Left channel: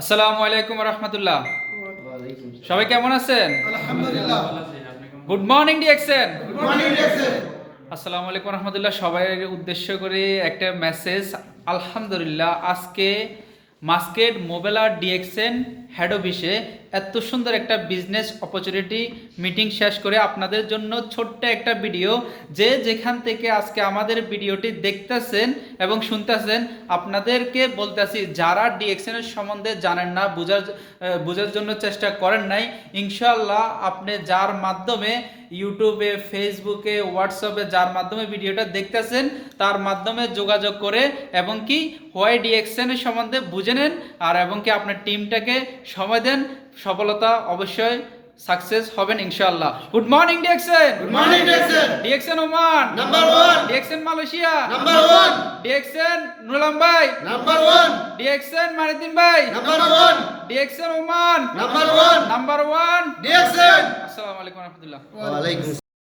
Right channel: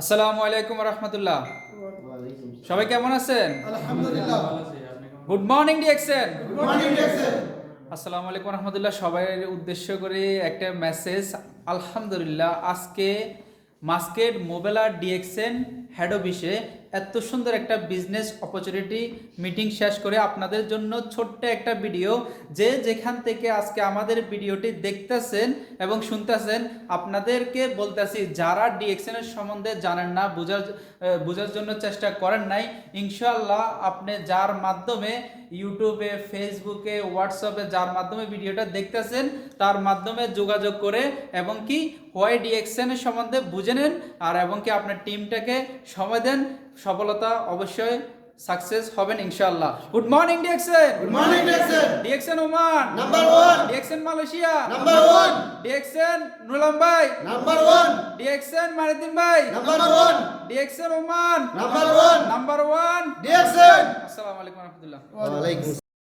আসসালামু আলাইকুম রহমতুল্লাহ। সবাই কেমন আছেন? আলহামদুলিল্লাহ। Good morning DXN. Good morning DXN. আসসালামু আলাইকুম রহমতুল্লাহ। সবাই উদ্দেশ্য করে একটা মেসেজ। আলহামদুলিল্লাহ, আজকে মাস্কেট মোবেলা ডিএক্সএন হেড অফিসে এত সুন্দর একটা বিজনেস অপরচুনিটি মিটিং শেষ করে আপনাদের জন্য ছোট্ট একটা ভিডিও, যে যেখান থেকে আজকে আমাদের ভিডিওটি দেখতেছেন এবং শুনতেছেন, আপনাদেরকে বলতেছি যারা ডিএক্সএন এর সম্বন্ধে জানেন না, বোঝার জন্য চেষ্টা করেন নাই, ইনশাআল্লাহ আপনি যার মাধ্যমে ইউটিউবে, ফেসবুকে, হোয়াটসঅ্যাপে যার মাধ্যমে ভিডিওটা দেখতেছেন তার মাধ্যমে যোগাযোগ করে এবং কি হোয়াই ডিএক্সএন এর সম্বন্ধে বুঝে নেন, আর এবং কি আপনার টিমটাকে সময় দেন, সফলতা অবশ্যই সাকসেস হবেন ইনশাআল্লাহ। Good morning DXN. Good morning DXN. DXN Oman number 1। DXN Malaysia number 1। DXN Nurulam ভাই নাম্বার 1। ডিএক্সএন মানিদ্দিন ভাই number 1। DXN Oman number 1। Number 1 DXN. আসসালামু আলাইকুম রহমতুল্লাহ। ওয়া আলাইকুম